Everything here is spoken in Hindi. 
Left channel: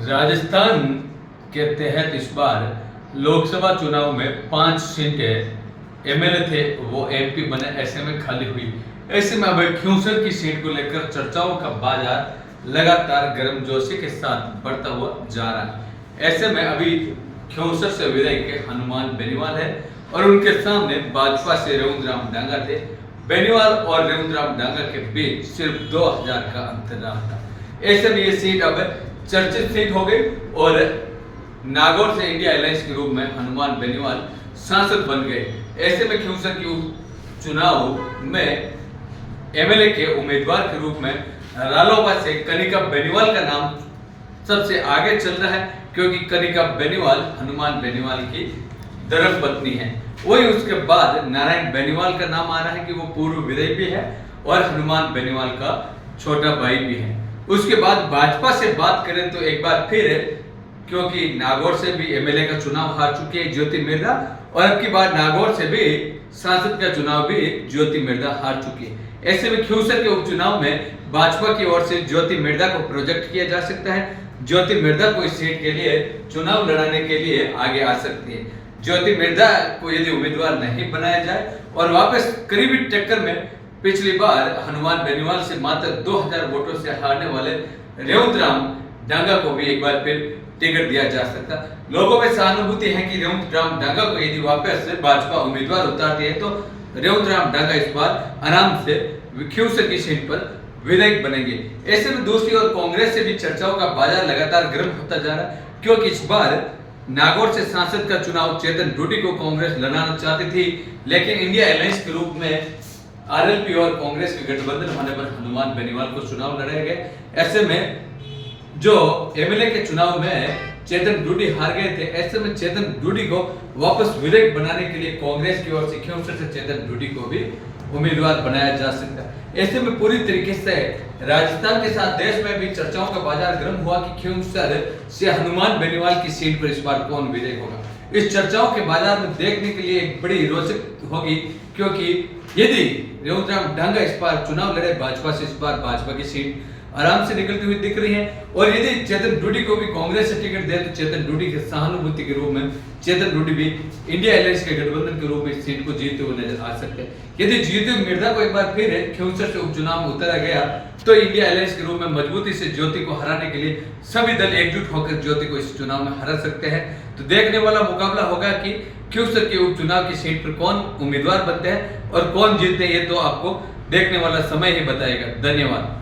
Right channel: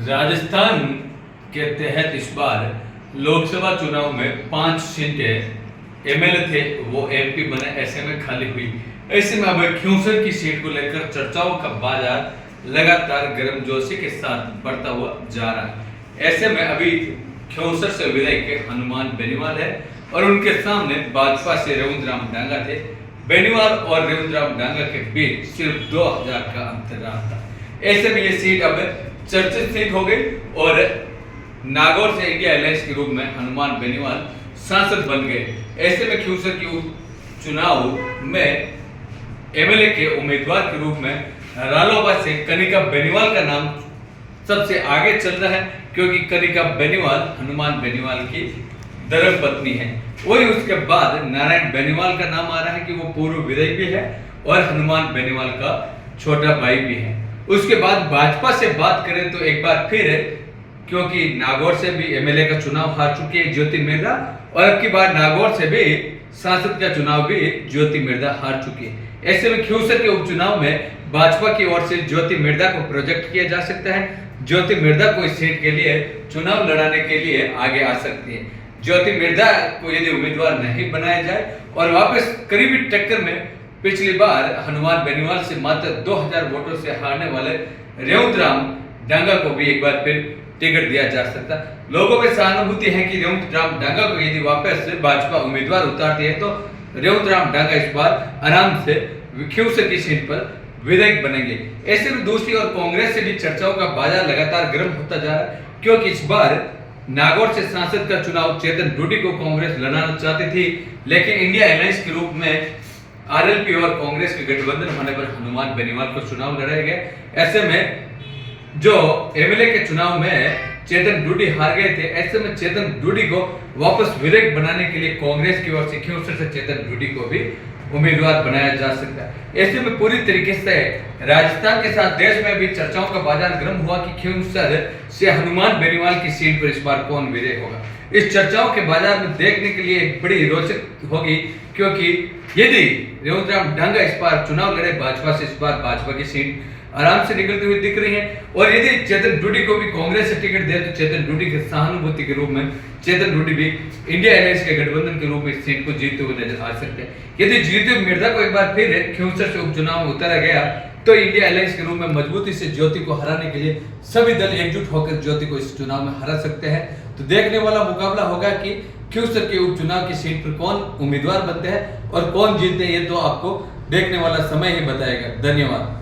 राजस्थान के तहत इस बार लोकसभा चुनाव में 5 सीटें एमएलए थे वो एमपी बने, ऐसे में खाली हुई। ऐसे में अब खियूंसर की सीट को लेकर चर्चाओं का बाजार लगातार गर्मजोशी के साथ बढ़ता हुआ जा रहा है। ऐसे में अभी खियूंसर से विधायक हनुमान बेनीवाल है और उनके सामने भाजपा से रविंद्र डांगा थे। बेनीवाल और रविंद्र डांगा के बीच सिर्फ 2000 का अंतर रहा था। ऐसे में ये सीट अब चर्चित सीट हो गई और नागौर से इंडिया अलायंस के रूप में हनुमान बेनीवाल सांसद बन गए। ऐसे में खियूंसर की चुनाव में एमएलए के उम्मीदवार के रूप में रालोपा से कनिका बेनीवाल का नाम सबसे आगे चल रहा है, क्योंकि कनिका बेनीवाल हनुमान बेनीवाल की धर्मपत्नी है। वही उसके बाद नारायण बेनीवाल का नाम आ रहा है कि वो पूर्व विधायक भी है और हनुमान बेनीवाल का छोटा भाई भी है। उसके बाद भाजपा से बात करें तो एक बार फिर, क्योंकि नागौर से भी एमएलए का चुनाव हार चुकी है ज्योति मिर्धा, और अब की बार नागौर से भी सांसद का चुनाव भी ज्योति मिर्धा हार चुकी है। ऐसे में खियूंसर के उपचुनाव में भाजपा की ओर से ज्योति मिर्धा को प्रोजेक्ट किया जा सकता है। ज्योति मिर्धा को इस सीट के लिए चुनाव लड़ाने के लिए आगे आ सकती है। ज्योति मिर्धा को यदि उम्मीदवार नहीं बनाया जाए और वापस करीबी टक्कर में पिछली बार हनुमान बेनीवाल से मात्र 2000 वोटों से हारने वाले रविंद्र डांगा को भी एक बार फिर टिकट दिया जा सकता। लोगों में सहानुभूति है कि रविंद्र डांगा को यदि वापस से भाजपा उम्मीदवार उतारती है तो रविंद्र डांगा इस बार आराम से खियूंसर की सीट पर विधायक बनेंगे। ऐसे में दूसरी ओर कांग्रेस से भी चर्चाओं का बाजार लगातार गर्म होता जा रहा है, क्योंकि इस बार नागौर से सांसद का चुनाव चेतन डूडी को कांग्रेस लड़ाना चाहती थी, लेकिन इंडिया अलायंस के रूप में आरएलपी और कांग्रेस के गठबंधन होने पर हनुमान बेनीवाल को चुनाव लड़ाए गए। ऐसे में जो एमएलए के चुनाव में चेतन डूडी हार गए थे, ऐसे में चेतन डूडी को वापस विधायक बनाने के लिए कांग्रेस की ओर से खियूंसर से चेतन डूडी को भी उम्मीदवार बनाया जा सकता है। ऐसे में पूरी तरीके से राजस्थान के साथ देश में भी चर्चाओं का बाजार गर्म हुआ कि खियूंसर से हनुमान बेनीवाल की सीट पर इस बार कौन विधायक होगा। इस चर्चाओं के बाजार में देखने के लिए एक बड़ी रोचक होगी, क्योंकि यदि रविंद्र डांगा इस बार चुनाव लड़े भाजपा से, इस बार भाजपा की सीट आराम से निकलती हुई दिख रही है, और यदि चेतन डूडी को भी कांग्रेस से टिकट दे तो चेतन डूडी के सहानुभूति के रूप में चेतन डूडी भी इंडिया अलायंस के गठबंधन के रूप में इस सीट को जीतते हुए नजर आ सकते हैं। यदि ज्योति मिर्धा को एक बार फिर खियूंसर से उपचुनाव में उतारा गया तो इंडिया अलायंस के रूप में मजबूती से ज्योति को हराने के लिए सभी दल एकजुट होकर ज्योति को इस चुनाव में हरा सकते हैं। तो देखने वाला मुकाबला होगा कि खियूंसर के उपचुनाव की सीट पर कौन उम्मीदवार बनते हैं और कौन जीतते हैं, ये तो आपको देखने वाला समय ही बताएगा। धन्यवाद।